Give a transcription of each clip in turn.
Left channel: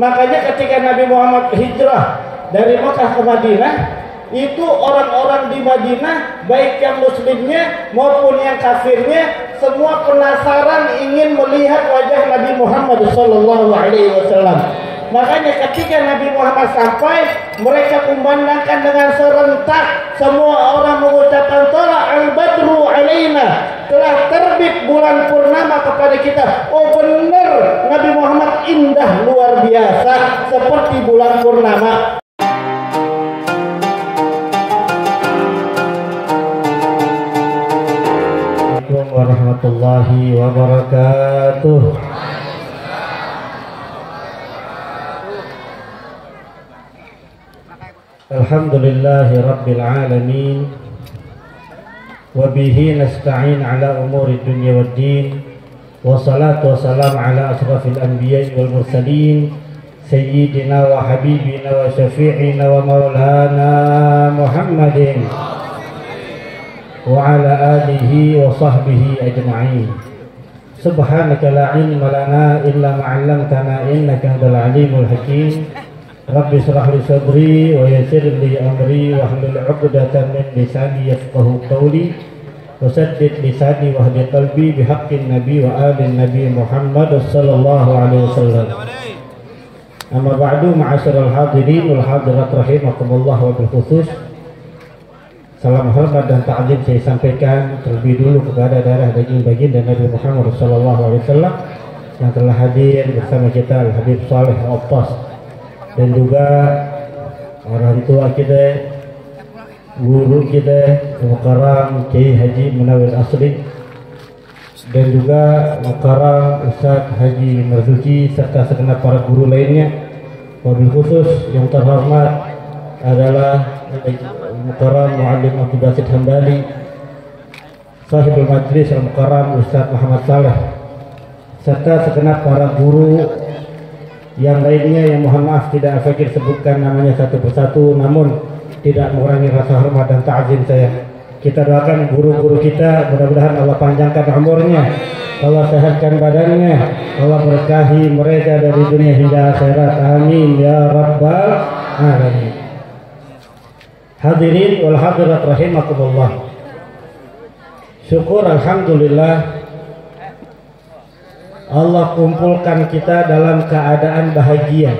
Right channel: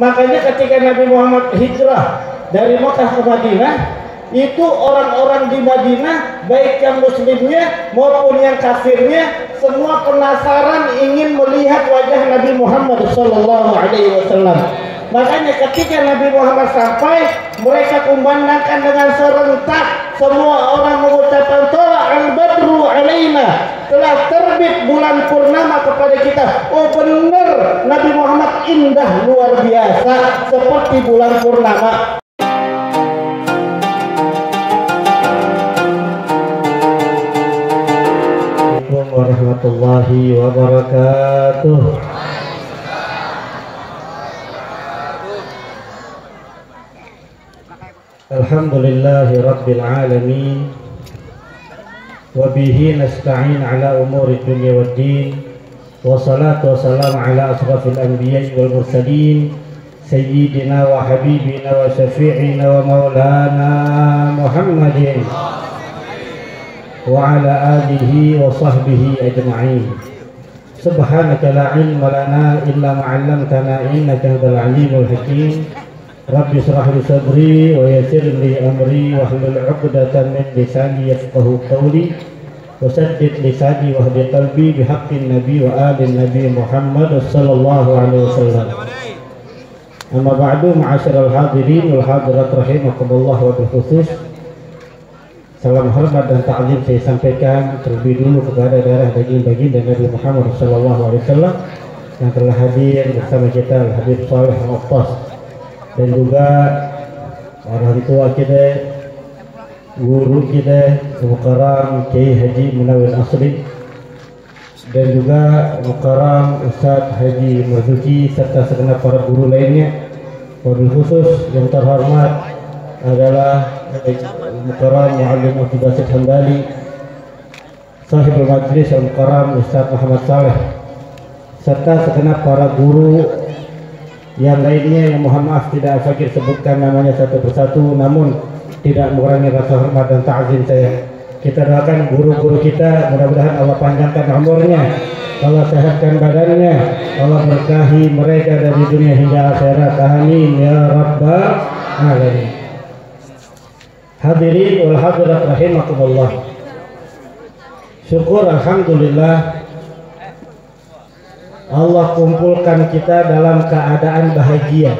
Makanya ketika Nabi Muhammad hijrah dari Makkah ke Madinah, itu orang-orang di Madinah, baik yang muslimnya maupun yang kafirnya, semua penasaran ingin melihat wajah Nabi Muhammad SAW. Makanya ketika Nabi Muhammad sampai, mereka kumandangkan dengan serentak, semua orang mengucapkan tola'al badru alaina, telah terbit bulan purnama kepada kita. Oh benar, Nabi Muhammad indah luar biasa seperti bulan purnama. Assalamualaikum warahmatullahi wabarakatuh. Alhamdulillahi rabbil alamin, wa bihi nasta'in ala umuri dunya waddin, wa salatu wa salam ala asrafil anbiya'i wal mursalin, sayyidina wa habibina wa syafi'ina wa maulana Muhammadin wa ala alihi wa sahbihi ajma'in. Subhanaka la ilma lana illa ma 'allamtana innaka antal alimul hakim. Rabbi shrah li sadri wa yassir li amri wahlul 'uqdatam min lisani yafqahu qawli wa saddid lisani wahdi qalbi bihaqqin nabi wa alin nabi Muhammad sallallahu alaihi wasallam. Amma ba'du, ma'asyiral hadirin wal hadirat rahimakumullah wa bil khusus, salam hormat dan ta'zim saya sampaikan terlebih dulu kepada darah daging baginda Nabi Muhammad sallallahu alaihi wasallam yang telah hadir bersama kita, Habib Saleh Al-Attas, dan juga orang tua kita, guru kita, Mukarram Kiai Haji Munawwir Asri, dan juga Mukarram Ustaz Haji Marzuki, serta segenap para guru lainnya. Wabil khusus yang terhormat adalah Mukarram Muallim Abdul Basit Hambali, Sahibul Majlis Mukarram Ustaz Muhammad Saleh, serta segenap para guru yang lainnya yang mohon maaf tidak fakir sebutkan namanya satu persatu, namun tidak mengurangi rasa hormat dan ta'zim saya. Kita doakan guru-guru kita, mudah-mudahan Allah panjangkan umurnya, Allah sehatkan badannya, Allah berkahi mereka dari dunia hingga akhirat, amin ya rabbal alamin. Hadirin wal hadirat rahimakumullah, syukur alhamdulillah Allah kumpulkan kita dalam keadaan bahagia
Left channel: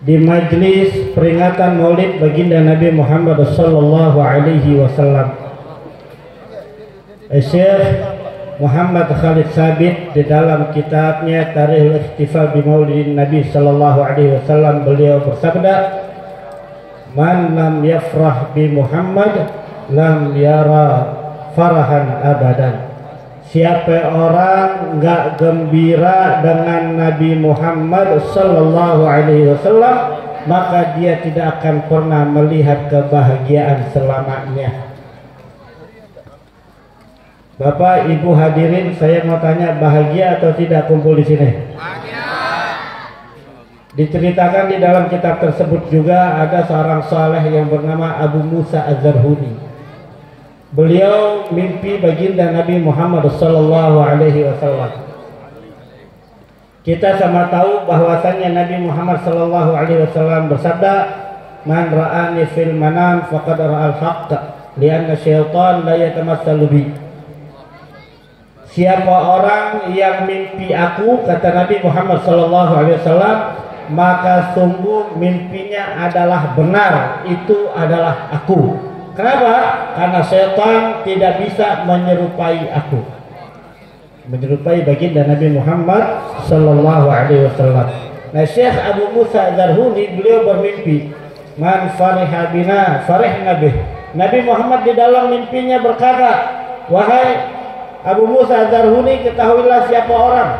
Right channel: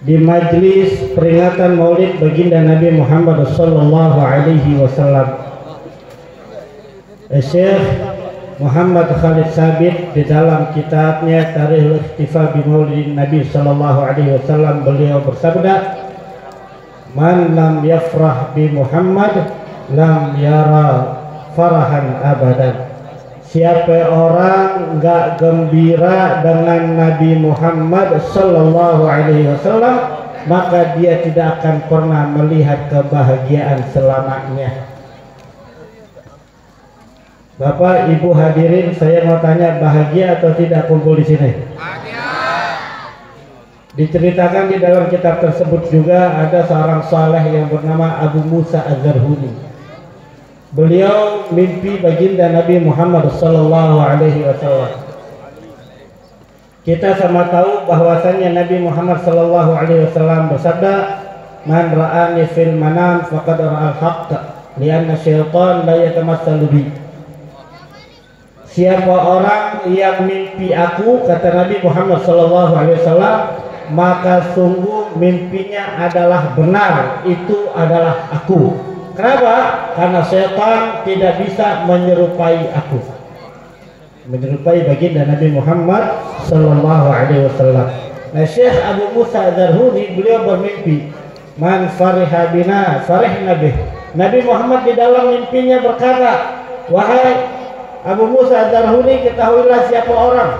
di majlis peringatan Maulid baginda Nabi Muhammad sallallahu alaihi wasallam. Syekh Muhammad Khalid Sabit di dalam kitabnya Tarikhul Ihtifal bi Maulidin Nabi sallallahu alaihi wasallam, beliau bersabda, "Man lam yafrah bi Muhammad lam yara farahan abadan." Siapa orang enggak gembira dengan Nabi Muhammad sallallahu alaihi wasallam, maka dia tidak akan pernah melihat kebahagiaan selamanya. Bapak Ibu hadirin, saya mau tanya, bahagia atau tidak kumpul di sini? Bahagia. Diceritakan di dalam kitab tersebut juga ada seorang saleh yang bernama Abu Musa Az-Zarhuni. Beliau mimpi baginda Nabi Muhammad sallallahu alaihi wasallam. Kita sama tahu bahwasannya Nabi Muhammad sallallahu alaihi wasallam bersabda, "Man ra'ani fil manam faqad ra'al haqq, lianna syaitan la yatamassalu bi." Siapa orang yang mimpi aku, kata Nabi Muhammad sallallahu alaihi wasallam, maka sungguh mimpinya adalah benar, itu adalah aku. Kenapa? Karena setan tidak bisa menyerupai aku, menyerupai baginda Nabi Muhammad sallallahu alaihi wasallam. Nah, Syekh Abu Musa Az-Zarhuni beliau bermimpi, "Man fariha bina farihna bih." Nabi Muhammad di dalam mimpinya berkata, "Wahai Abu Musa Az-Zarhuni, ketahuilah siapa orang."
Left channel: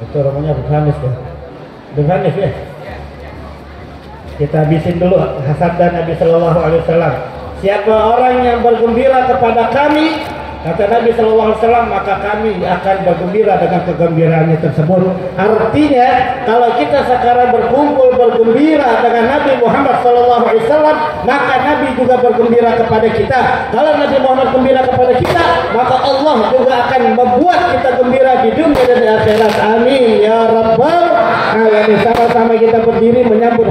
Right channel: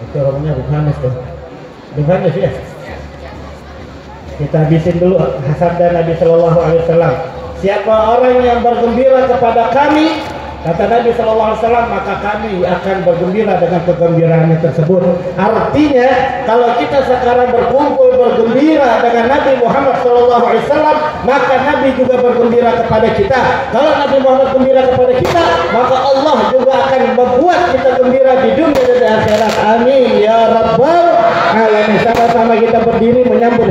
Itu orangnya berhamis tuh. Berhamis ya. Kita habisin dulu sabda Nabi sallallahu alaihi wasallam. Siapa orang yang bergembira kepada kami, kata Nabi sallallahu alaihi wasallam, maka kami akan bergembira dengan kegembiraannya tersebut. Artinya, kalau kita sekarang berkumpul bergembira dengan Nabi Muhammad sallallahu alaihi wasallam, maka Nabi juga bergembira kepada kita. Kalau Nabi Muhammad gembira kepada kita, maka Allah juga akan membuat kita gembira di dunia dan di akhirat. Amin ya rabbal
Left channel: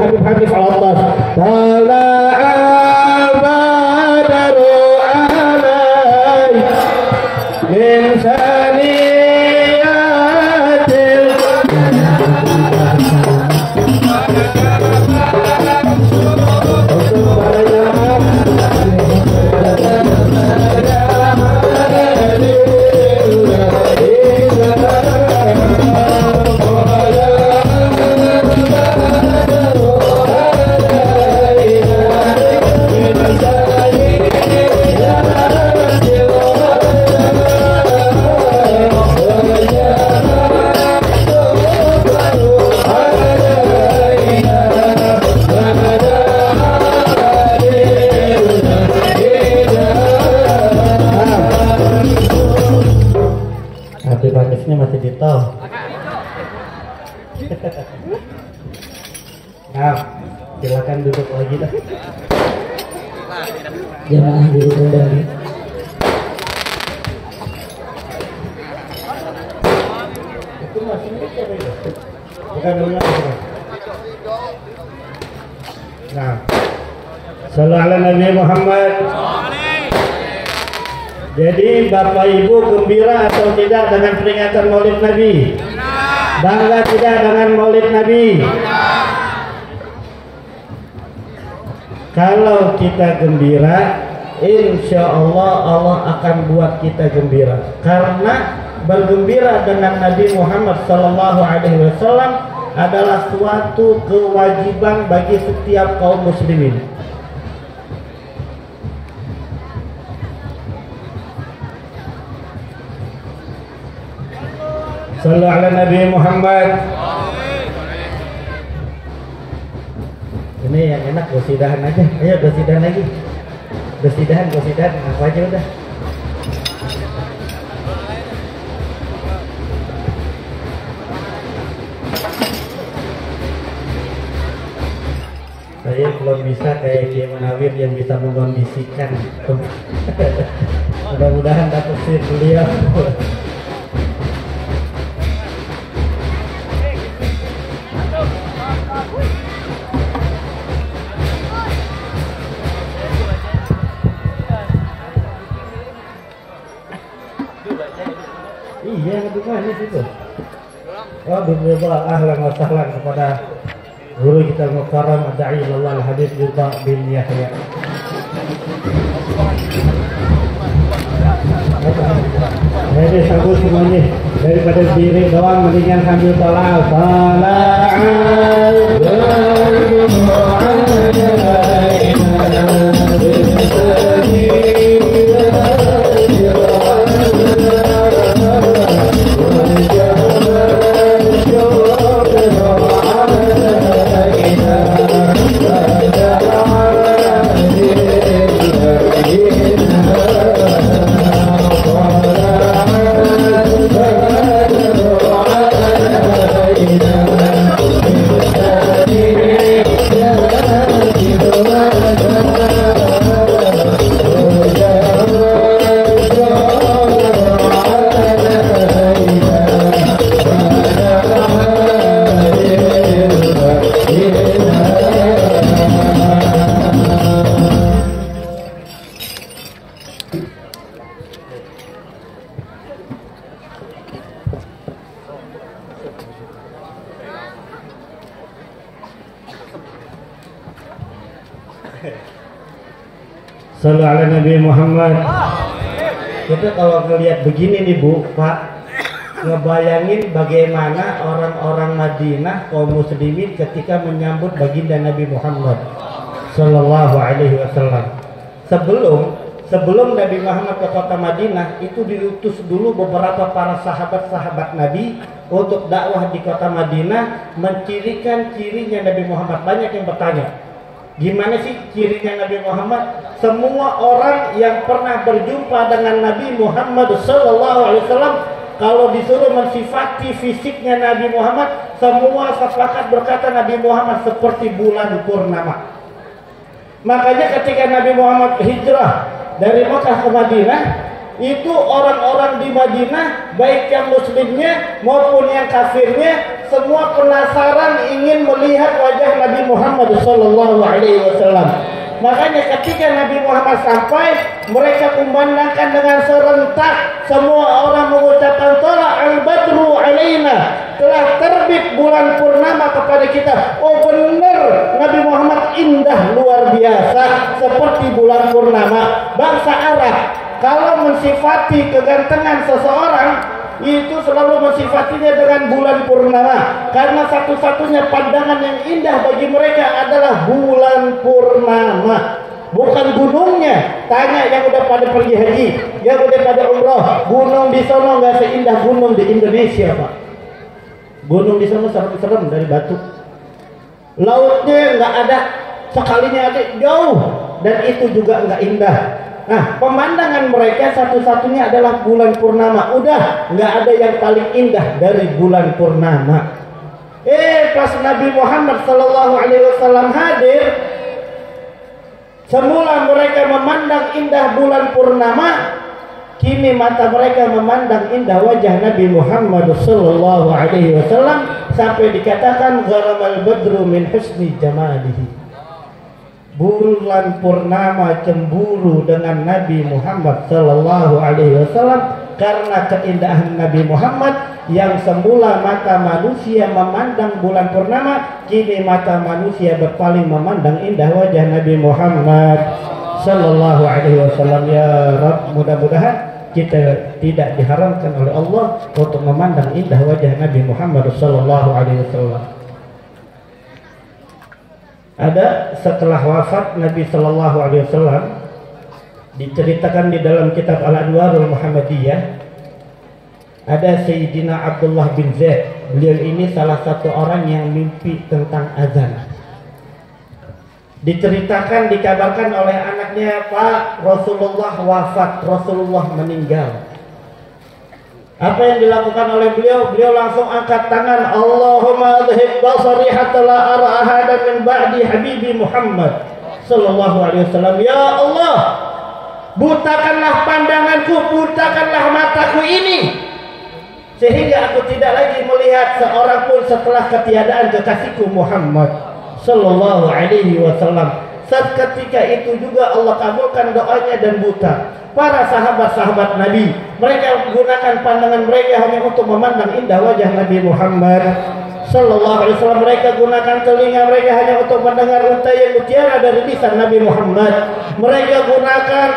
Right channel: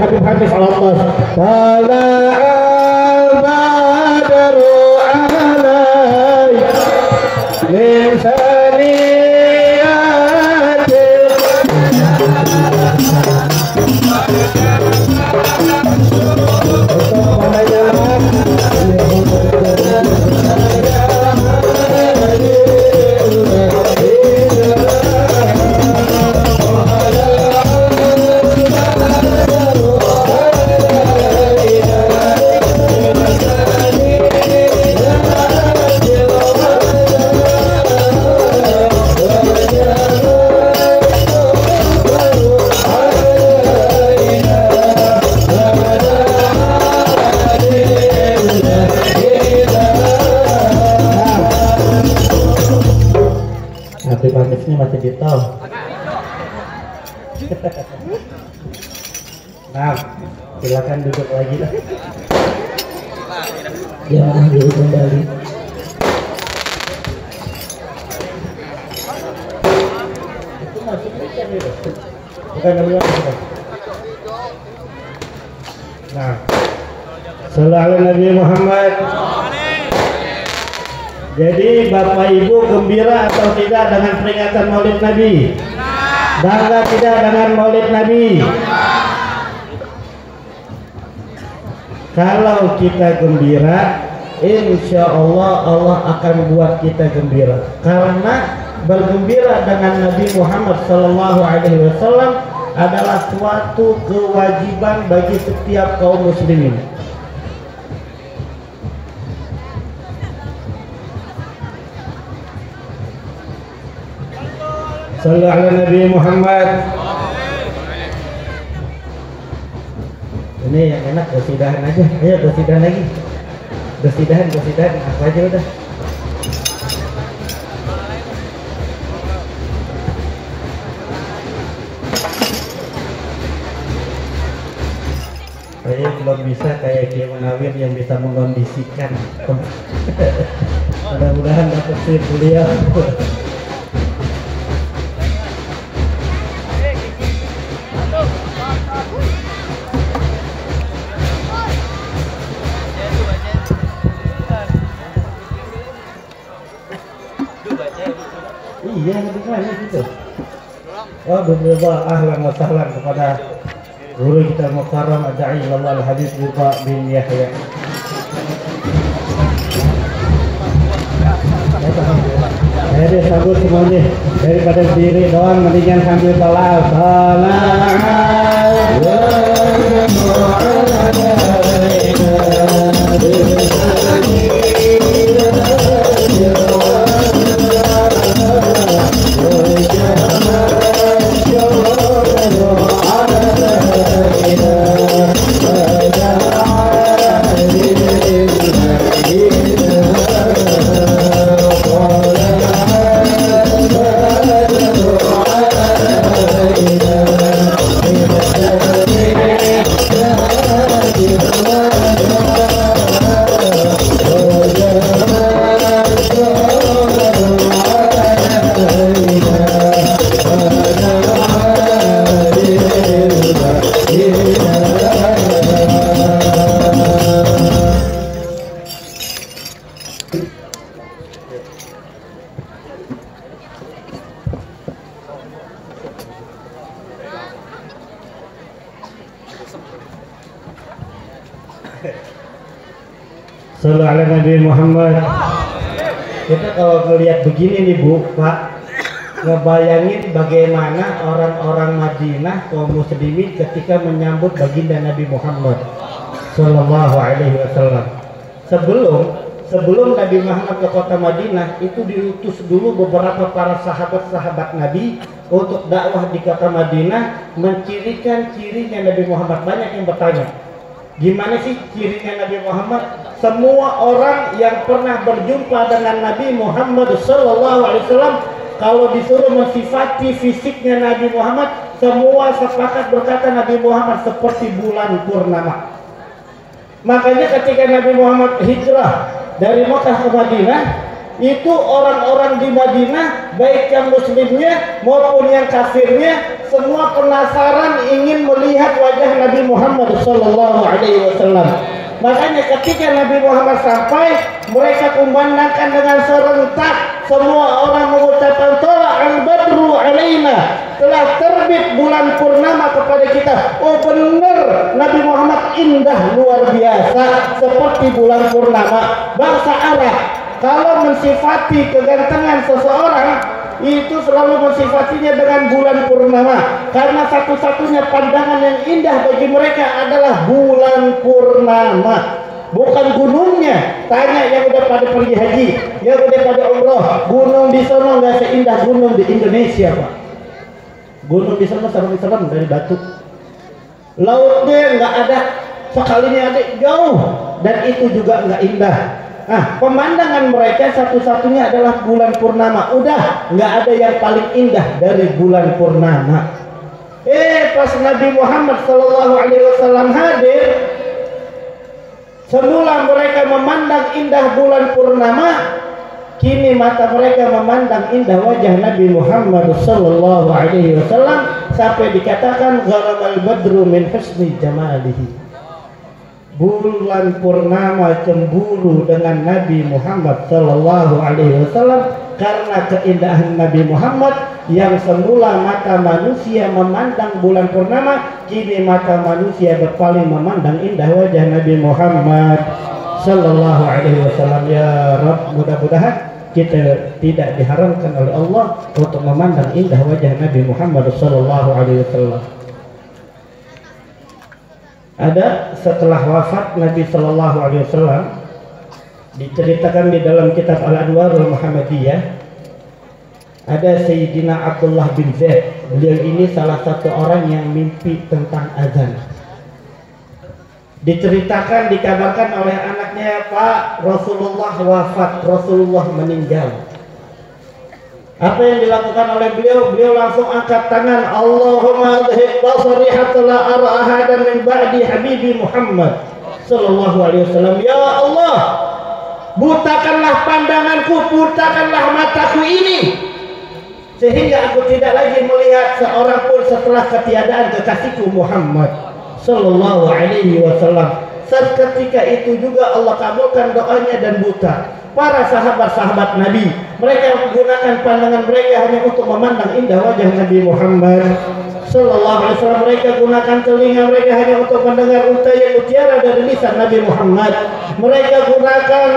Habib Hafiz Al-Atas. Tala'al badru alai min saniyatil motifnya masih di tol. Nah, silakan duduk lagi lah. Jamaah duduk kembali. Itu masih mikir itu. Bukan beliau itu. Nah, sallallahu alaihi Nabi Muhammad. Jadi Bapak Ibu gembira atau tidak dengan peringatan Maulid Nabi? Bangga tidak dengan Maulid Nabi? Kalau kita gembira, insya Allah Allah akan buat kita gembira. Karena bergembira dengan Nabi Muhammad SAW adalah suatu kewajiban bagi setiap kaum muslimin. Sallallahu alaihi Nabi Muhammad. Ini yang enak gosidahan aja. Ayo gosidahan lagi. Gosidahan apa aja udah. Saya belum bisa kayak Kiai Munawir yang bisa mengkondisikan. Mudah-mudahan dapat sih beliau. Iya, di mana itu? Oh, berdoa ahlan wa sahlan kepada guru kita mukarram Adai Lawal Habib Yuta bin Yahya. Jadi sambut semuanya daripada diri doang, mendingan sambil tala'al. Sallallahu alaihi Nabi Muhammad. Kita kalau ngelihat begini nih Bu, Pak, ngebayangin bagaimana orang-orang Madinah kaum muslimin ketika menyambut baginda Nabi Muhammad Sallallahu alaihi wasallam. Sebelum Nabi Muhammad ke kota Madinah, itu diutus dulu beberapa para sahabat-sahabat Nabi untuk dakwah di kota Madinah, mencirikan cirinya Nabi Muhammad. Banyak yang bertanya, gimana sih cirinya Nabi Muhammad? Semua orang yang pernah berjumpa dengan Nabi Muhammad SAW, kalau disuruh mensifati fisiknya Nabi Muhammad, semua sepakat berkata Nabi Muhammad seperti bulan purnama. Makanya ketika Nabi Muhammad hijrah dari Makkah ke Madinah, itu orang-orang di Madinah, baik yang muslimnya maupun yang kafirnya, semua penasaran ingin melihat wajah Nabi Muhammad SAW. Makanya ketika Nabi Muhammad sampai, mereka kumandangkan dengan serentak, semua orang mengucapkan tola'al badru alaina, telah terbit bulan purnama kepada kita. Oh benar, Nabi Muhammad indah luar biasa seperti bulan purnama. Bangsa Arab kalau mensifati kegantengan seseorang itu selalu mensifatinya dengan bulan purnama, karena satu-satunya pandangan yang indah bagi mereka adalah bulan purnama, bukan gunungnya. Tanya yang udah pada pergi haji, yang udah pada umroh, gunung di sana nggak seindah gunung di Indonesia, Pak. Gunung di sana serem-serem dari batu, lautnya nggak ada, sekalinya ada jauh, dan itu juga nggak indah. Nah, pemandangan mereka satu-satunya adalah bulan purnama. Udah, nggak ada yang paling indah dari bulan purnama. Pas Nabi Muhammad SAW hadir, semula mereka memandang indah bulan purnama, kini mata mereka memandang indah wajah Nabi Muhammad SAW, sampai dikatakan gharamal badru min husni jamalihi. Bulan purnama cemburu dengan Nabi Muhammad SAW karena keindahan Nabi Muhammad. Yang semula mata manusia memandang bulan purnama, kini mata manusia berpaling memandang indah wajah Nabi Muhammad SAW. Ya Rabb, mudah-mudahan kita tidak diharamkan oleh Allah untuk memandang indah wajah Nabi Muhammad SAW. Ada setelah wafat Nabi Shallallahu Alaihi Wasallam, diceritakan di dalam kitab Al-Anwarul Muhammadiyah, ada Sayyidina Abdullah bin Zaid. Beliau ini salah satu orang yang mimpi tentang azan. Diceritakan, dikabarkan oleh anaknya, Pak, Rasulullah wafat, Rasulullah meninggal. Apa yang dilakukan oleh beliau? Beliau langsung angkat tangan, Allahumma adhib basari hatta la ara ahadan min ba'di habibi Muhammad sallallahu alaihi wasallam. Ya Allah, butakanlah pandanganku, butakanlah mataku ini, sehingga aku tidak lagi melihat seorang pun setelah ketiadaan kekasihku Muhammad sallallahu alaihi wasallam. Seketika itu juga Allah kabulkan doanya dan buta. Para sahabat-sahabat Nabi, mereka menggunakan pandangan mereka hanya untuk memandang indah wajah Nabi Muhammad sallallahu alaihi wasallam. Mereka gunakan telinga mereka hanya untuk mendengar untayan mutiara dari lisan Nabi Muhammad. Mereka gunakan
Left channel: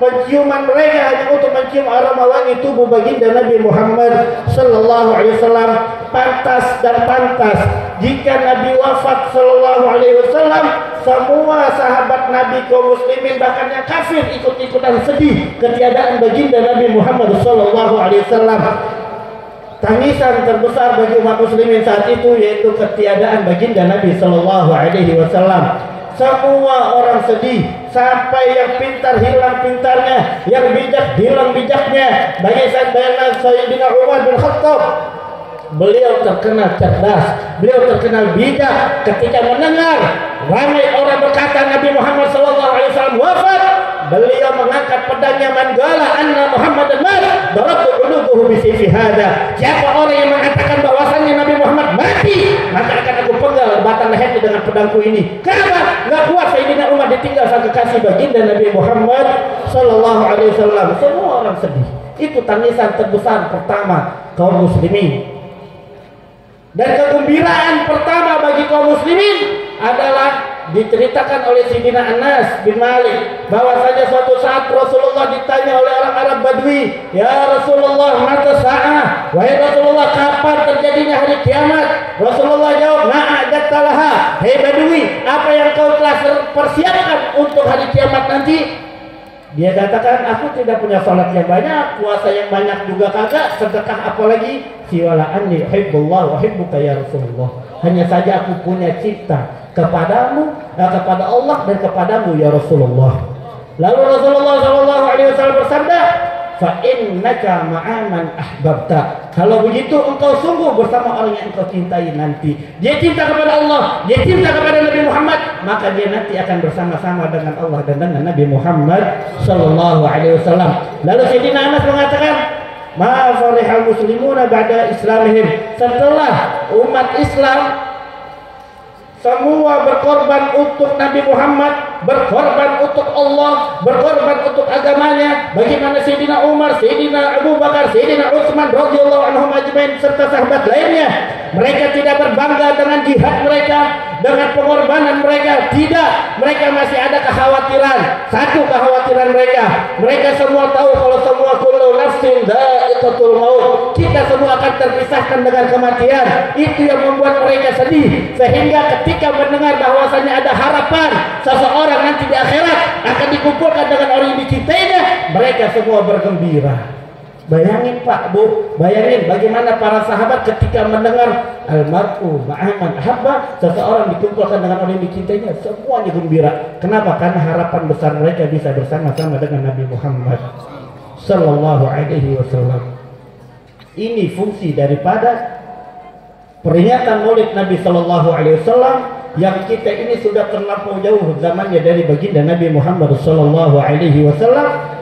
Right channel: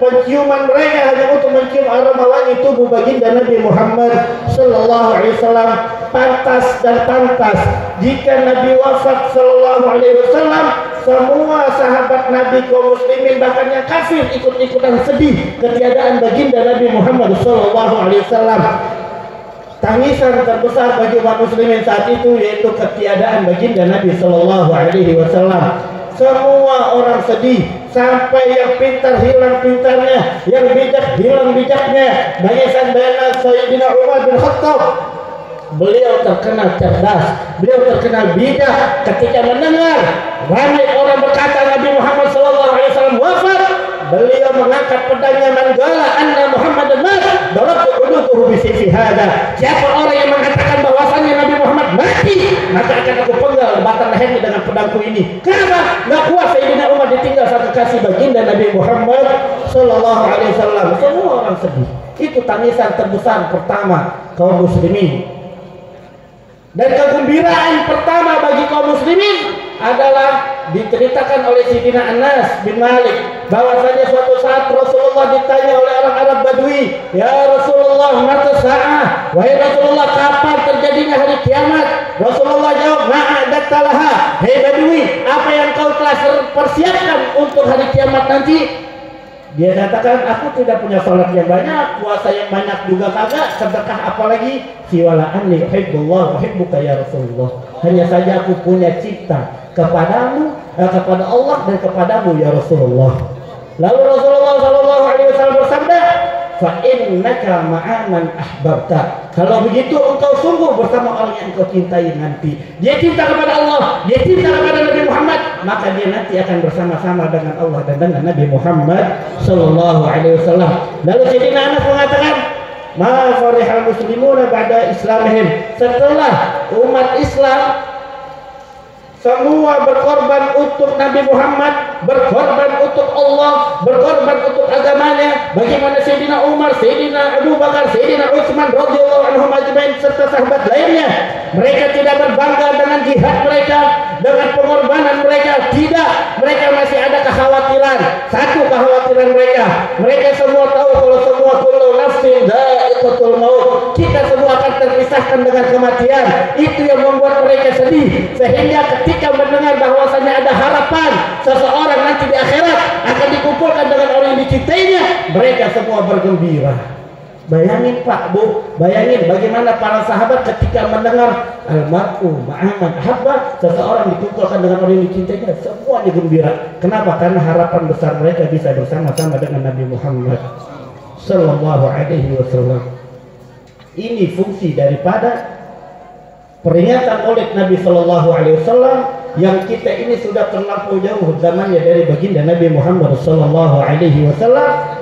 penciuman mereka hanya untuk mencium aroma wangi tubuh baginda Nabi Muhammad sallallahu alaihi wasallam. Pantas dan pantas jika Nabi wafat sallallahu alaihi wasallam, semua sahabat Nabi kaum muslimin bahkan yang kafir ikut-ikutan sedih ketiadaan baginda Nabi Muhammad sallallahu alaihi wasallam. Tangisan terbesar bagi umat muslimin saat itu yaitu ketiadaan baginda Nabi sallallahu alaihi wasallam. Semua orang sedih, sampai yang pintar hilang pintarnya, yang bijak hilang bijaknya. Bagian Sayyidina Umar bin Khattab, beliau terkenal cerdas, beliau terkenal bijak. Ketika mendengar ramai orang berkata Nabi Muhammad SAW wafat, beliau mengangkat pedangnya, manggala anna Muhammadan mat, darabtu ulutuhu bisayfi hada. Siapa orang yang mengatakan bahwasannya Nabi Muhammad mati, maka akan aku penggal batang lehernya dengan pedangku ini. Kenapa? Nggak kuat Sayyidina Umar ditinggal sang kekasih baginda Nabi Muhammad SAW. Semua orang sedih. Itu tangisan terbesar pertama kaum muslimin. Dan kegembiraan pertama bagi kaum muslimin adalah diceritakan oleh Sayyidina Anas bin Malik bahwasanya suatu saat Rasulullah ditanya oleh orang Arab Badui, "Ya Rasulullah, mata sa'ah?" Wahai Rasulullah, kapan terjadinya hari kiamat? Rasulullah jawab, "Na'adattalaha." Hei Badui, apa yang kau telah persiapkan untuk hari kiamat nanti? Dia katakan, aku tidak punya salat yang banyak, puasa yang banyak juga kagak, sedekah apalagi. Siwala anni uhibbullah wa uhibbuka ya Rasulullah. Hanya saja aku punya cinta kepadamu, kepada Allah dan kepadamu ya Rasulullah. Lalu Rasulullah SAW bersabda, fa innaka ma'aman ahbabta. Kalau begitu engkau sungguh bersama orang yang engkau cintai nanti. Dia cinta kepada Allah, dia cinta kepada Nabi Muhammad, maka dia nanti akan bersama-sama dengan Allah dan dengan Nabi Muhammad sallallahu alaihi wasallam. Lalu Sayyidina Anas mengatakan, ma farihal muslimuna ba'da islamihim. Setelah umat Islam semua berkorban untuk Nabi Muhammad, berkorban untuk Allah, berkorban untuk agamanya. Bagaimana Sayyidina Umar, Sayyidina Abu Bakar, Sayyidina Utsman radhiyallahu anhum ajmain serta sahabat lainnya. Mereka tidak berbangga dengan jihad mereka, dengan pengorbanan mereka. Tidak, mereka masih ada kekhawatiran. Satu kekhawatiran mereka. Mereka semua tahu kalau semua kullu nafsin dha'iqatul maut. Kita semua akan terpisahkan dengan kematian. Itu yang membuat mereka sedih. Sehingga ketika mendengar bahwasanya ada harapan seseorang nanti di akhirat akan dikumpulkan dengan orang yang dicintainya, mereka semua bergembira. Bayangin Pak Bu, bayangin bagaimana para sahabat ketika mendengar almar'u ma'aman ahabba, seseorang dikumpulkan dengan orang yang dicintainya, semua digembira. Kenapa? Karena harapan besar mereka bisa bersama-sama dengan Nabi Muhammad sallallahu alaihi wasallam. Ini fungsi daripada peringatan Maulid Nabi sallallahu alaihi wasallam yang kita ini sudah terlampau jauh zamannya dari baginda Nabi Muhammad sallallahu alaihi wasallam,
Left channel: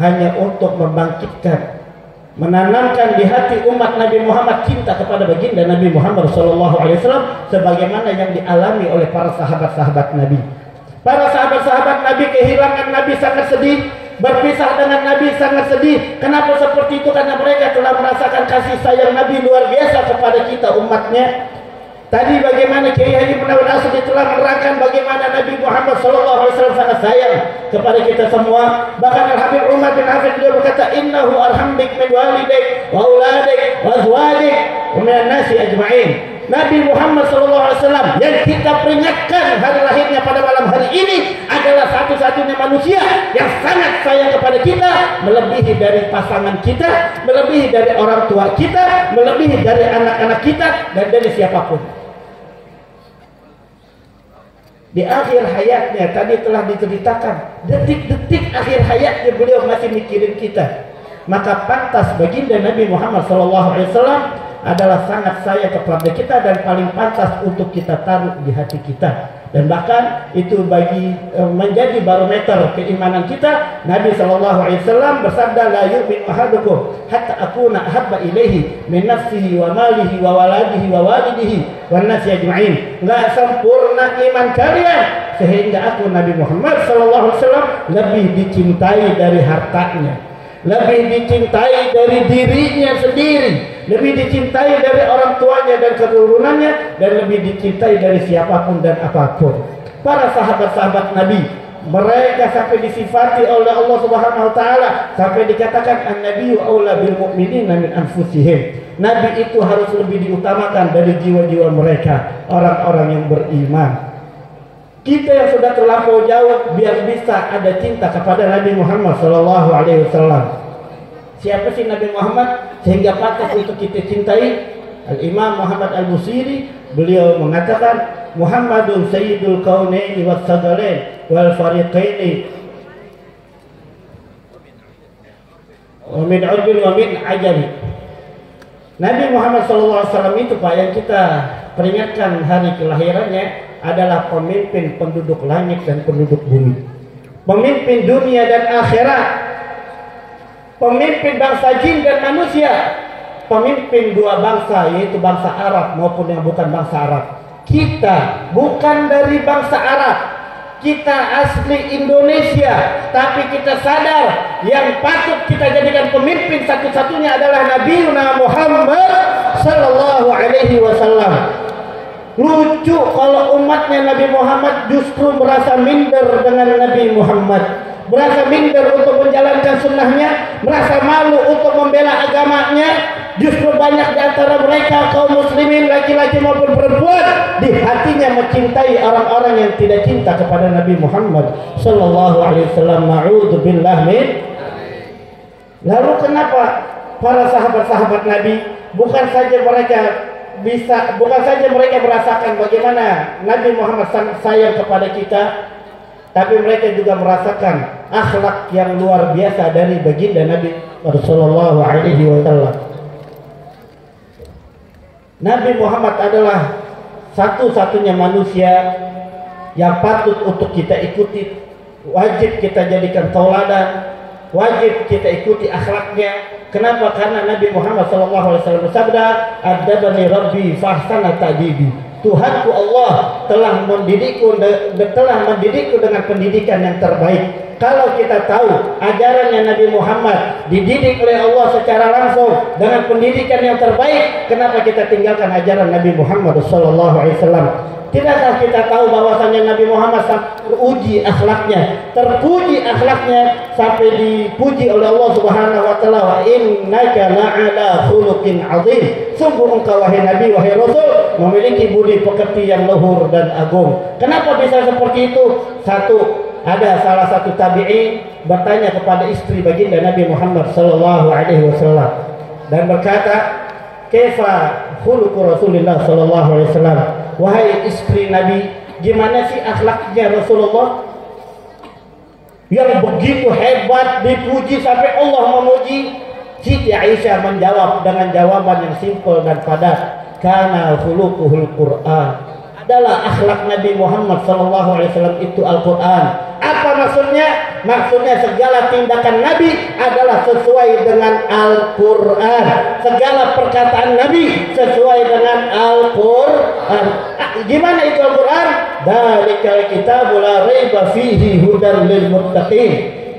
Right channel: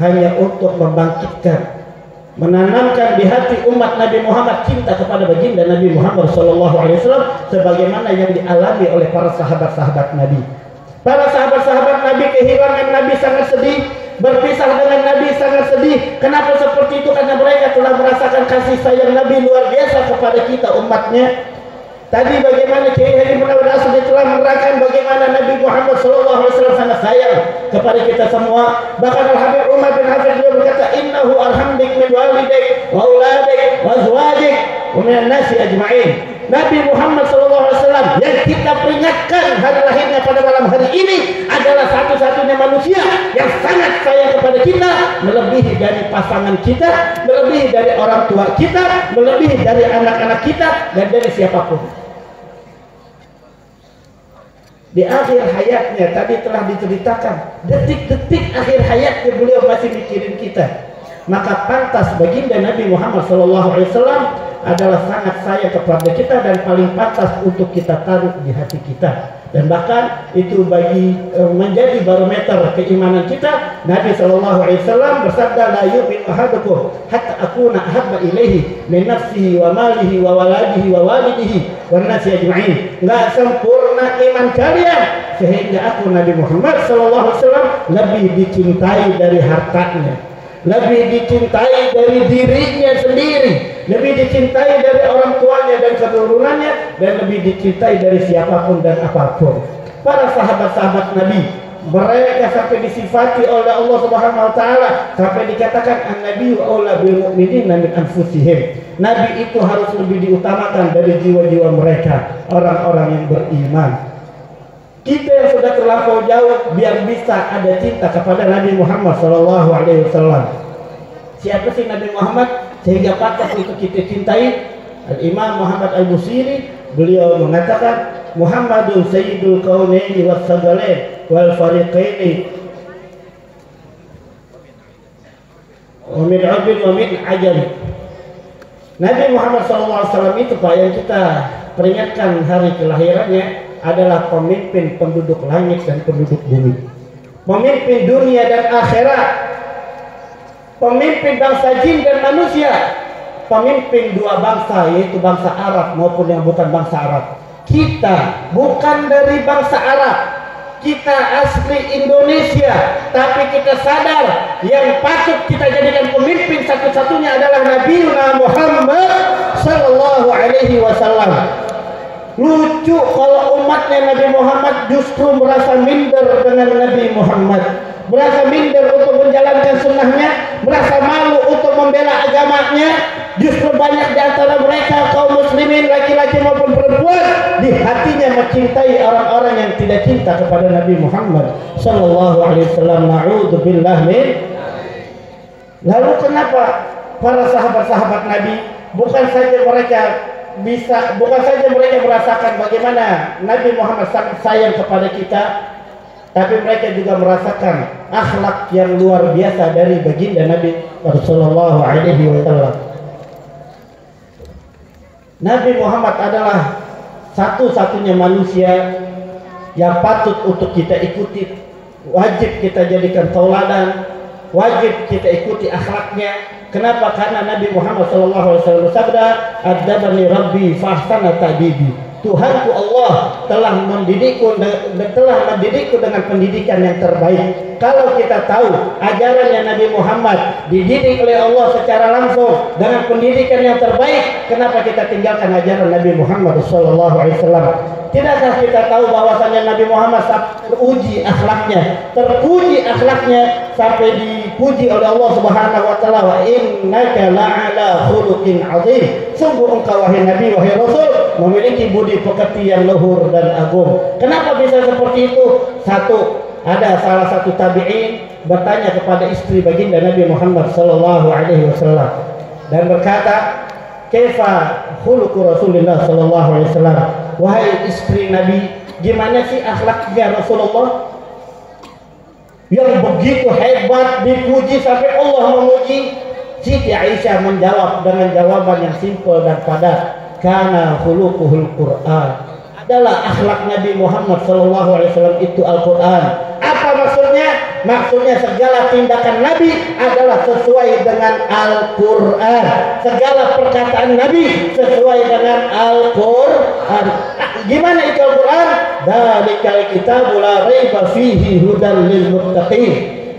hanya untuk membangkitkan, menanamkan di hati umat Nabi Muhammad cinta kepada baginda Nabi Muhammad sallallahu alaihi wasallam sebagaimana yang dialami oleh para sahabat-sahabat Nabi. Para sahabat-sahabat Nabi kehilangan Nabi sangat sedih, berpisah dengan Nabi sangat sedih. Kenapa seperti itu? Karena mereka telah merasakan kasih sayang Nabi luar biasa kepada kita umatnya. Tadi bagaimana Kiai Haji Munawwar Al-Asadi telah menerangkan bagaimana Nabi Muhammad SAW sangat sayang kepada kita semua. Bahkan Al-Habib Umar bin Hafid juga berkata, innahu alhamdik min walidik wa uladik wa azwadik wa minan nasi ajma'in. Nabi Muhammad SAW yang kita peringatkan hari lahirnya pada malam hari ini adalah satu-satunya manusia yang sangat sayang kepada kita, melebihi dari pasangan kita, melebihi dari orang tua kita, melebihi dari anak-anak kita, dan dari siapapun. Di akhir hayatnya tadi telah diceritakan, detik-detik akhir hayatnya beliau masih mikirin kita. Maka pantas baginda Nabi Muhammad SAW adalah sangat sayang kepada kita dan paling pantas untuk kita taruh di hati kita. Dan bahkan itu bagi menjadi barometer keimanan kita. Nabi SAW bersabda, la yu'minu ahadukum hatta akuna ahabba ilaihi min nafsihi wa malihi wa waladihi wa walidihi wan nasi ajma'in. Enggak sempurna iman kalian sehingga aku Nabi Muhammad SAW lebih dicintai dari hartanya, lebih dicintai dari dirinya sendiri, lebih dicintai dari orang tuanya dan keturunannya, dan lebih dicintai dari siapapun dan apapun. Para sahabat-sahabat Nabi, mereka sampai disifati oleh Allah Subhanahu wa taala, sampai dikatakan an-nabiyyu aula bil mu'minina min anfusihim. Nabi itu harus lebih diutamakan dari jiwa-jiwa mereka, orang-orang yang beriman. Kita yang sudah terlampau jauh biar bisa ada cinta kepada Nabi Muhammad sallallahu alaihi wasallam. Siapa sih Nabi Muhammad sehingga pantas untuk kita cintai? Al-Imam Muhammad Al-Busiri beliau mengatakan, Muhammadun sayyidul kaunaini was sagalain wal fariqaini wa min abin wa min ajali. Nabi Muhammad sallallahu alaihi wasallam itu Pak yang kita peringatkan hari kelahirannya adalah pemimpin penduduk langit dan penduduk bumi, pemimpin dunia dan akhirat, pemimpin bangsa jin dan manusia, pemimpin dua bangsa yaitu bangsa Arab maupun yang bukan bangsa Arab. Kita bukan dari bangsa Arab, kita asli Indonesia, tapi kita sadar yang patut kita jadikan pemimpin satu-satunya adalah Nabi Muhammad sallallahu alaihi wasallam. Lucu kalau umatnya Nabi Muhammad justru merasa minder dengan Nabi Muhammad, merasa minder untuk menjalankan sunnahnya, merasa malu untuk membela agamanya. Justru banyak di antara mereka kaum muslimin laki-laki maupun perempuan di hatinya mencintai orang-orang yang tidak cinta kepada Nabi Muhammad sallallahu alaihi wasallam. Na'udzubillah min. Lalu kenapa para sahabat-sahabat Nabi bukan saja mereka merasakan bagaimana Nabi Muhammad sangat sayang kepada kita, tapi mereka juga merasakan akhlak yang luar biasa dari baginda Nabi sallallahu alaihi wasallam. Nabi Muhammad adalah satu-satunya manusia yang patut untuk kita ikuti, wajib kita jadikan tauladan, wajib kita ikuti akhlaknya. Kenapa? Karena Nabi Muhammad SAW bersabda, "Adzabani Rabbi fahsana ta'dibi." Tuhanku Allah telah mendidikku dengan pendidikan yang terbaik. Kalau kita tahu ajarannya Nabi Muhammad dididik oleh Allah secara langsung dengan pendidikan yang terbaik, kenapa kita tinggalkan ajaran Nabi Muhammad SAW? Tidakkah kita tahu bahwasanya Nabi Muhammad teruji akhlaknya, terpuji akhlaknya sampai dipuji oleh Allah Subhanahu wa taala, "Wa innaka la'ala khuluqin 'azim." Sungguh engkau wahai Nabi, wahai Rasul, memiliki budi pekerti yang luhur dan agung. Kenapa bisa seperti itu? Satu, ada salah satu tabi'in bertanya kepada istri baginda Nabi Muhammad sallallahu alaihi wasallam dan berkata, "Kaifa khuluqu Rasulillah sallallahu alaihi wasallam?" Wahai istri Nabi, gimana sih akhlaknya Rasulullah yang begitu hebat, dipuji sampai Allah memuji? Siti Aisyah menjawab dengan jawaban yang simpel dan padat, "Kana khuluquhul Qur'an." Adalah akhlak Nabi Muhammad SAW itu Al-Quran. Apa maksudnya? Maksudnya segala tindakan Nabi adalah sesuai dengan Al-Quran. Segala perkataan Nabi sesuai dengan Al-Quran. Gimana itu Al-Quran? Dzalikal kitabu la raiba fihi hudan lil muttaqin.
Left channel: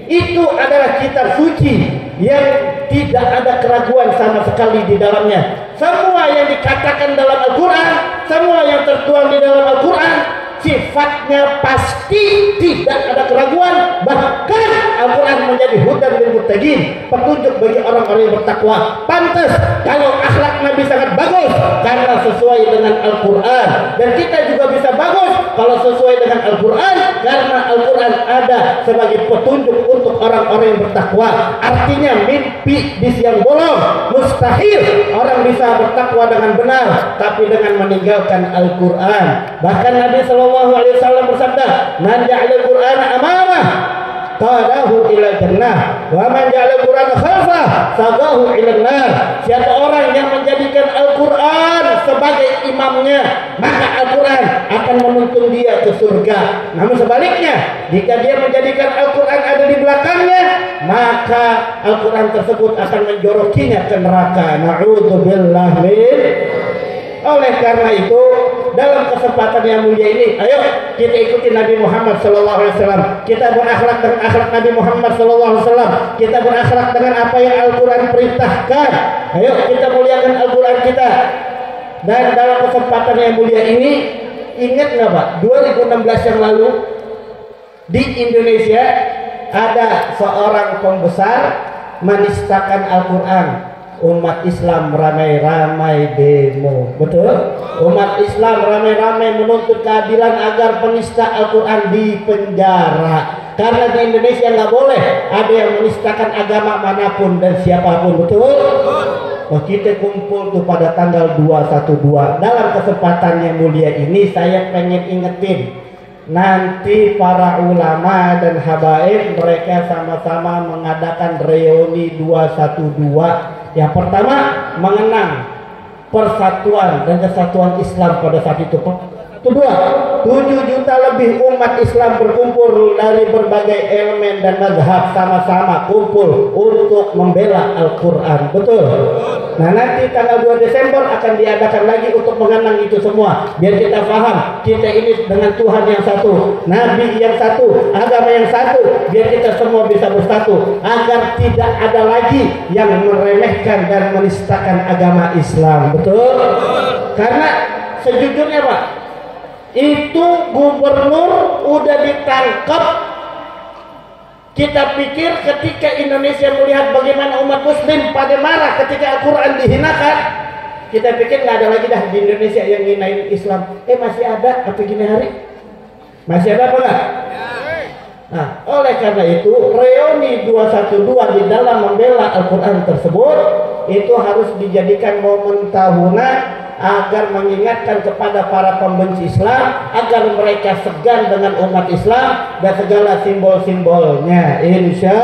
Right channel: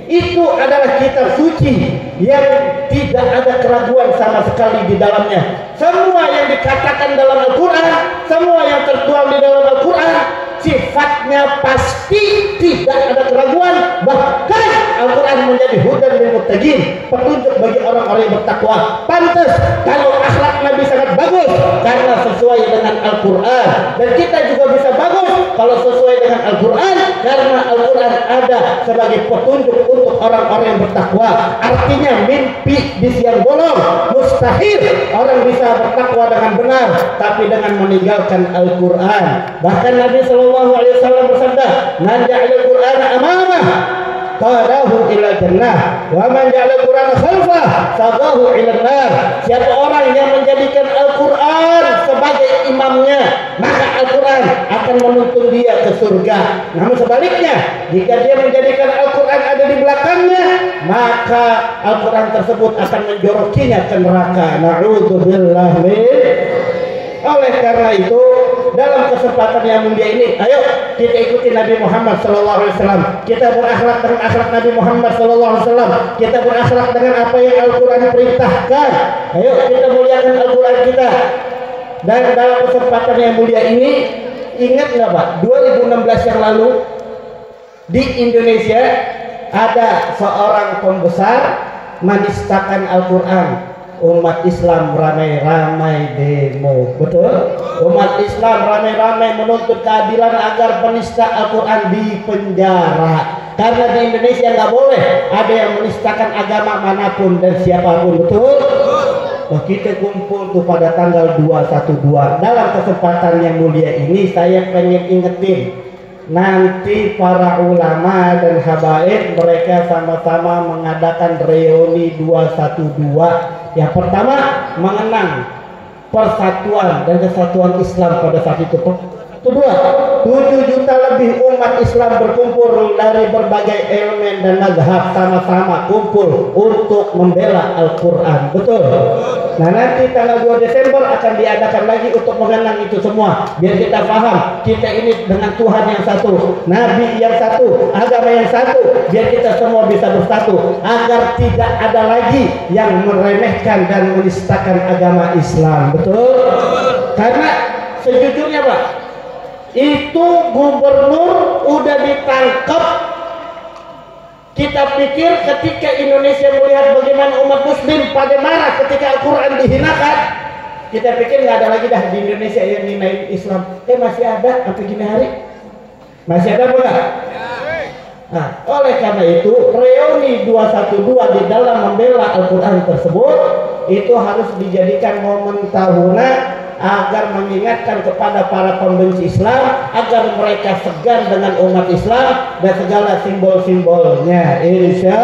Itu adalah kitab suci yang tidak ada keraguan sama sekali di dalamnya. Semua yang dikatakan dalam Al-Quran, semua yang tertuang di dalam Al-Quran, sifatnya pasti tidak ada keraguan. Bahkan Al-Quran menjadi hudan lil muttaqin, petunjuk bagi orang-orang yang bertakwa. Pantas kalau akhlak Nabi sangat bagus karena sesuai dengan Al-Quran, dan kita juga bisa bagus kalau sesuai dengan Al-Quran karena Al-Quran ada sebagai petunjuk untuk orang-orang yang bertakwa. Artinya mimpi di siang bolong mustahil orang bisa bertakwa dengan benar tapi dengan meninggalkan Al-Quran. Bahkan Nabi SAW bersabda, "Man ja'alal Qur'ana amamah qadahu ila jannah wa man ja'alal Qur'ana khalfah sadahu ila nar." Siapa orang yang menjadikan Al-Quran sebagai imamnya, maka Al-Quran akan menuntun dia ke surga. Namun sebaliknya, jika dia menjadikan Al-Quran ada di belakangnya, maka Al-Quran tersebut akan menjorokinya ke neraka. Na'udzubillah min. Oleh karena itu, dalam kesempatan yang mulia ini, ayo kita ikuti Nabi Muhammad SAW. Kita berakhlak dengan akhlak Nabi Muhammad SAW. Kita berakhlak dengan apa yang Al-Quran perintahkan. Ayo kita muliakan Al-Quran kita. Dan dalam kesempatan yang mulia ini, ingat nggak Pak, 2016 yang lalu di Indonesia ada seorang pembesar menistakan Al-Quran. Umat Islam ramai-ramai demo, betul? Umat Islam ramai-ramai menuntut keadilan agar penista Al-Quran dipenjara. Karena di Indonesia nggak boleh ada yang menistakan agama manapun dan siapapun, betul? Nah, kita kumpul tuh pada tanggal 212. Dalam kesempatan yang mulia ini saya pengen ingetin, nanti para ulama dan habaib mereka sama-sama mengadakan reuni 212. Yang pertama, mengenang persatuan dan kesatuan Islam pada saat itu. Kedua, 7 juta lebih umat Islam berkumpul dari berbagai elemen dan mazhab sama-sama kumpul untuk membela Al-Quran. Betul? Nah, nanti tanggal 2 Desember akan diadakan lagi untuk mengenang itu semua. Biar kita paham, kita ini dengan Tuhan yang satu, Nabi yang satu, agama yang satu. Biar kita semua bisa bersatu. Agar tidak ada lagi yang meremehkan dan menistakan agama Islam. Betul? Karena sejujurnya Pak, itu gubernur udah ditangkap. Kita pikir ketika Indonesia melihat bagaimana umat muslim pada marah ketika Al-Quran dihinakan, kita pikir nggak ada lagi dah di Indonesia yang hinain Islam. Masih ada sampai gini hari? Masih ada apa enggak? Nah, oleh karena itu reuni 212 di dalam membela Al-Quran tersebut itu harus dijadikan momen tahunan agar mengingatkan kepada para pembenci Islam agar mereka segan dengan umat Islam dan segala simbol-simbolnya. Insya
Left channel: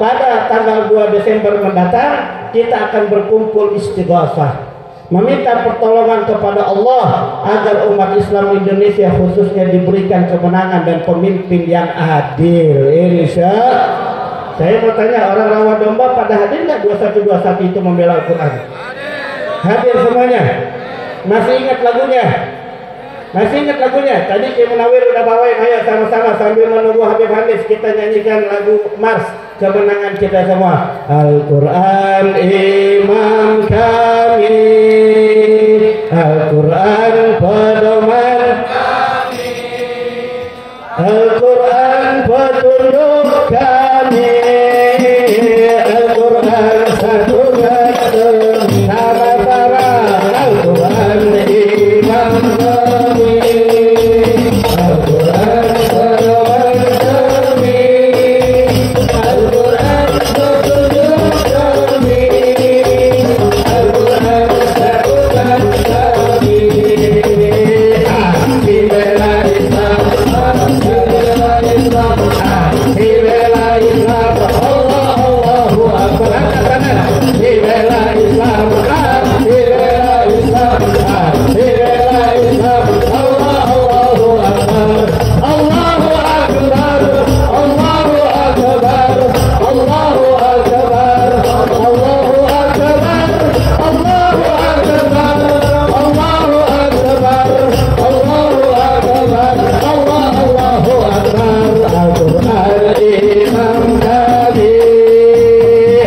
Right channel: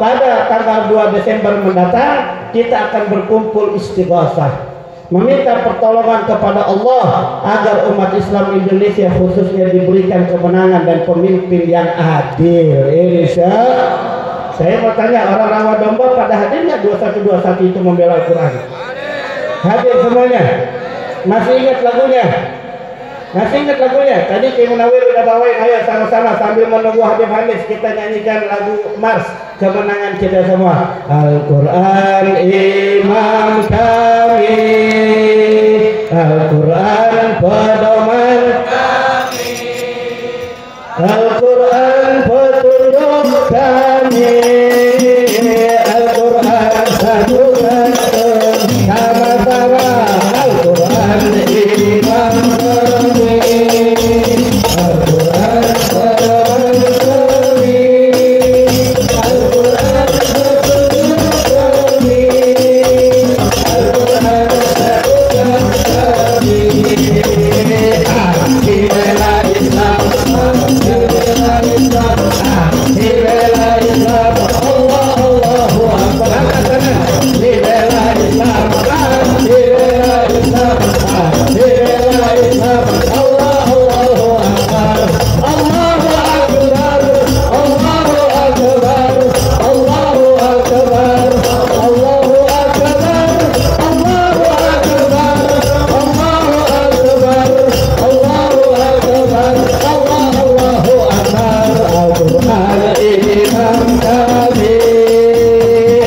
pada tanggal 2 Desember mendatang kita akan berkumpul istighosah, meminta pertolongan kepada Allah agar umat Islam Indonesia khususnya diberikan kemenangan dan pemimpin yang adil. Insya saya mau tanya, orang Rawa Domba pada hadir nggak 2121 itu membela Al-Quran? Hadir semuanya. Masih ingat lagunya? Masih ingat lagunya? Tadi Ki Munawir udah bawain, ayo sama-sama sambil menunggu Habib Hanis kita nyanyikan lagu Mars kemenangan kita semua. Al-Quran imam kami, Al-Quran pedoman kami, Al-Quran petunjuk kami, Al-Quran satu-satu sama-sama, Al-Quran imam kami, Al-Quran pedoman kami, Al-Quran petunjuk kami, Al-Quran satu-satu kami. Bela Islam, bela Islam, bela Islam, Allah Allahu Akbar. Bela Islam, bela Islam, bela Islam, Allah Allahu Akbar. Allahu Akbar, Allahu Akbar, Allahu Akbar, Allahu Akbar, Allahu Akbar, Allahu Akbar, Allahu Akbar, Allahu Akbar. Al-Quran imam kami,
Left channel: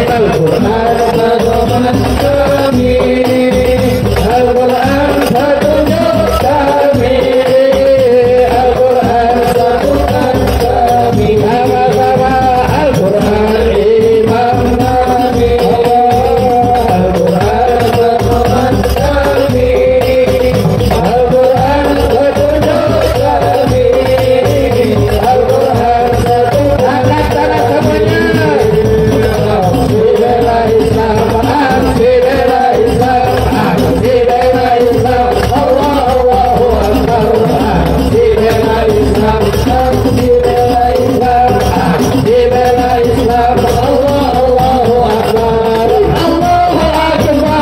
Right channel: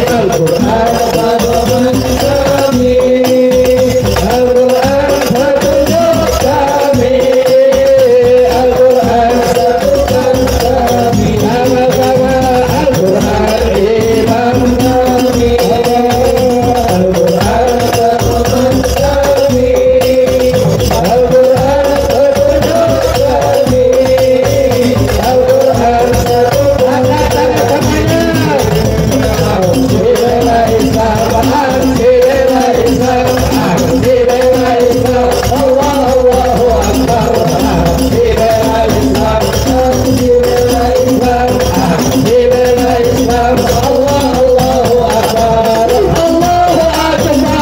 Al-Quran pedoman kami, Al-Quran petunjuk kami, Al-Quran satukan kami sama-sama. Al-Quran imam kami, Al-Quran pedoman kami, Al-Quran petunjuk kami, Al-Quran satukan semuanya. Bela Islam, bela Islam, bela Islam, Allahu Akbar. Bela Islam, bela Islam, bela Islam, Allahu Akbar. Allahu Akbar,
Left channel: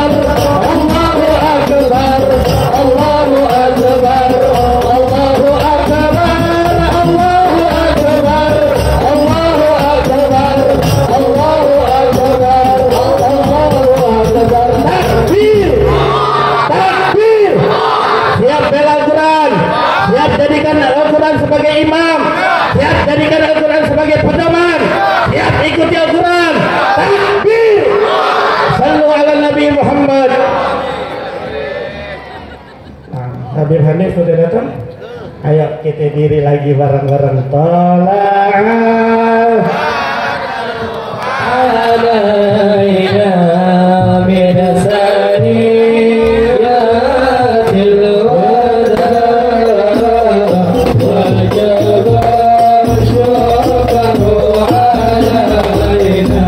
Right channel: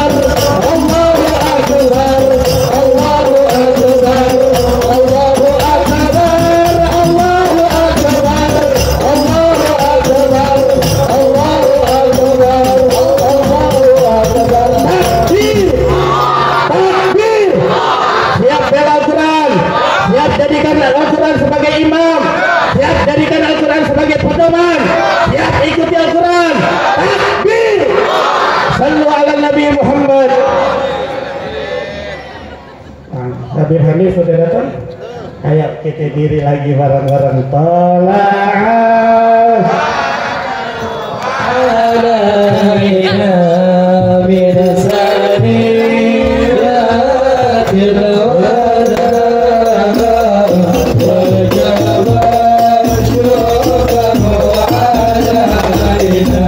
Allahu Akbar, Allahu Akbar, Allahu Akbar, Allahu Akbar, Allahu Akbar, Allahu Akbar, Allahu Akbar. Takbir, takbir. Siap bela Al-Quran, siap jadikan Al-Quran sebagai imam, siap jadikan Al-Quran sebagai pedoman, siap ikuti Al-Quran. Takbir. Sallu ala Nabi Muhammad. Habib Hanif sudah datang? Ayo kita diri lagi bareng-bareng. Tola'ah alaina min sariyatil wada wajib syukru alaina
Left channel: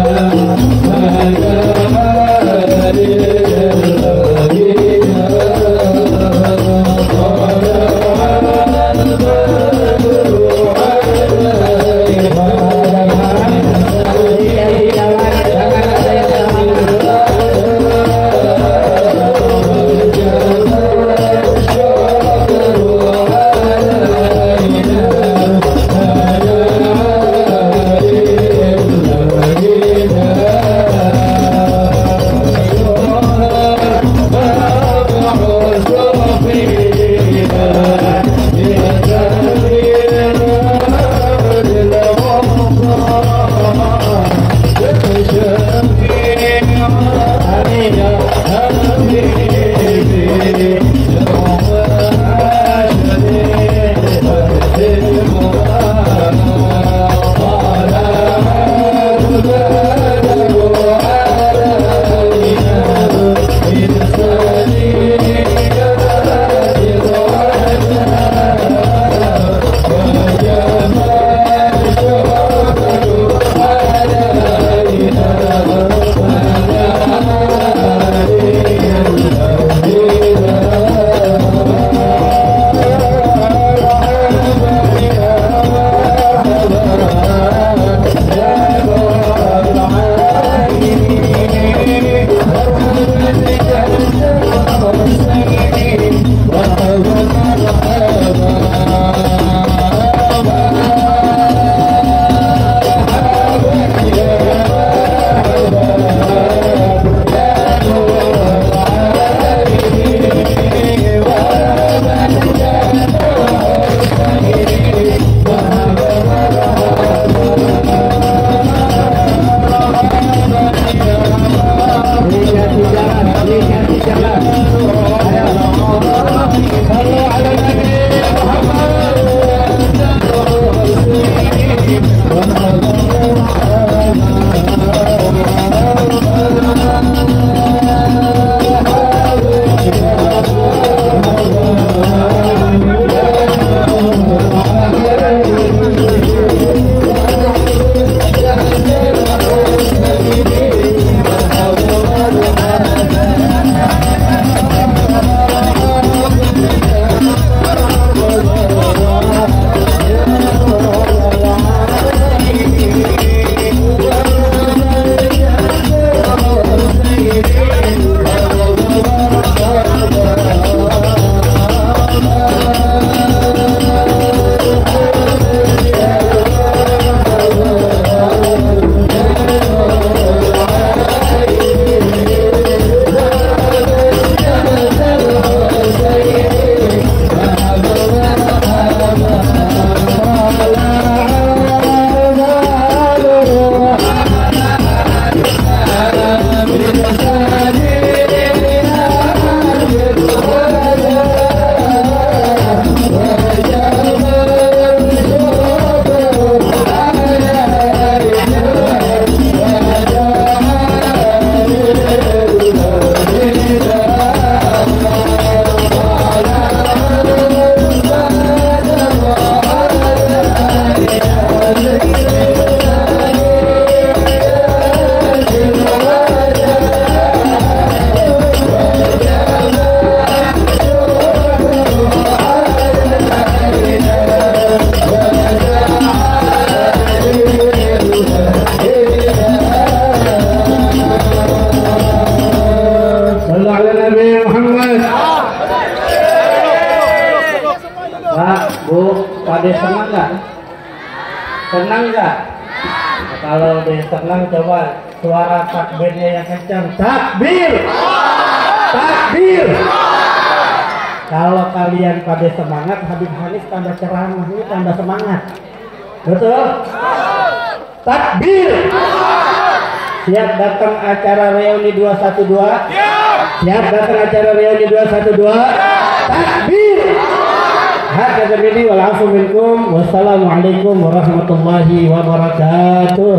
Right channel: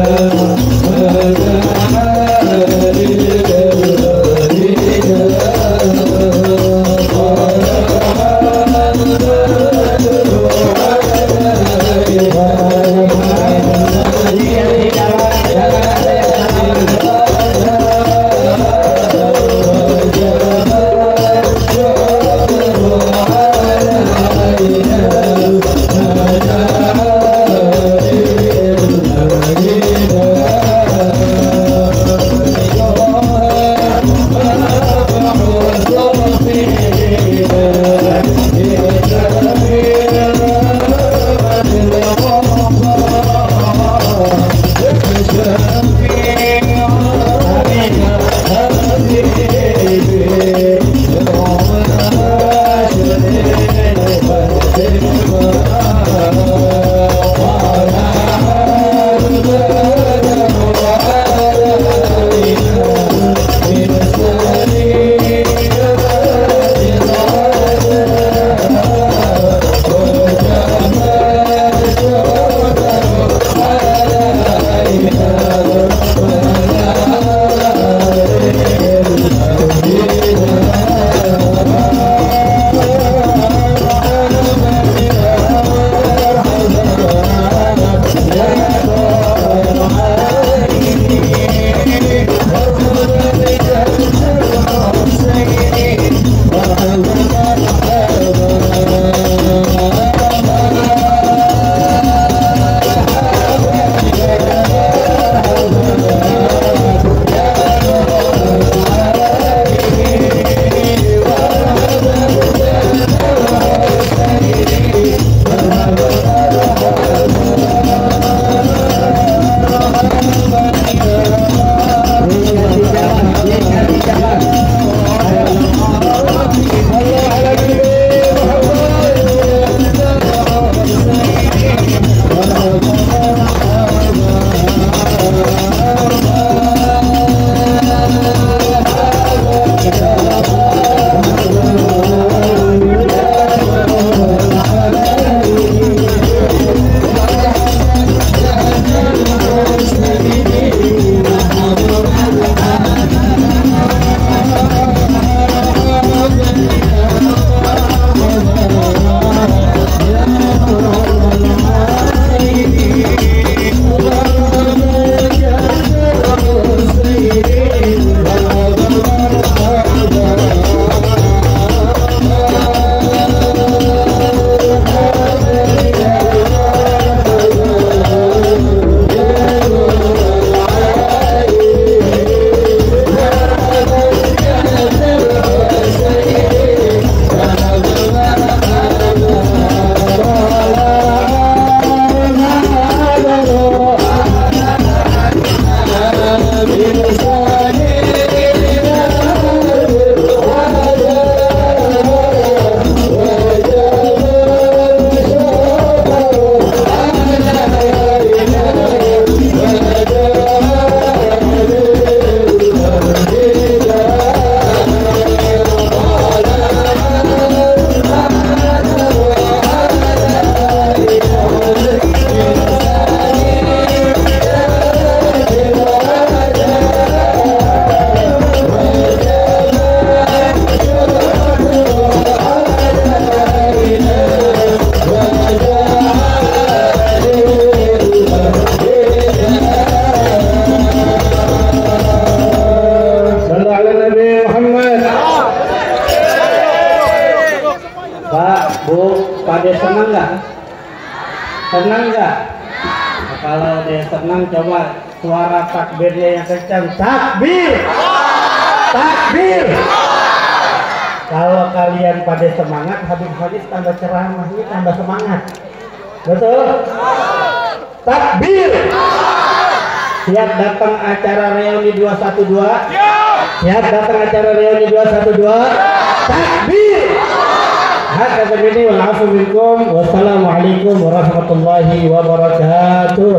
Pada senang nggak? Senang nggak? Kalau dia senang coba suara takbirnya yang kencang. Takbir! Takbir! Kalau kalian pada semangat, Habib Hanif tambah ceramahnya tambah semangat. Betul? Takbir! Siap datang acara reuni 212? Siap datang acara reuni 212? Takbir! Hadza billahi wal afu minkum. Wassalamualaikum warahmatullahi wabarakatuh.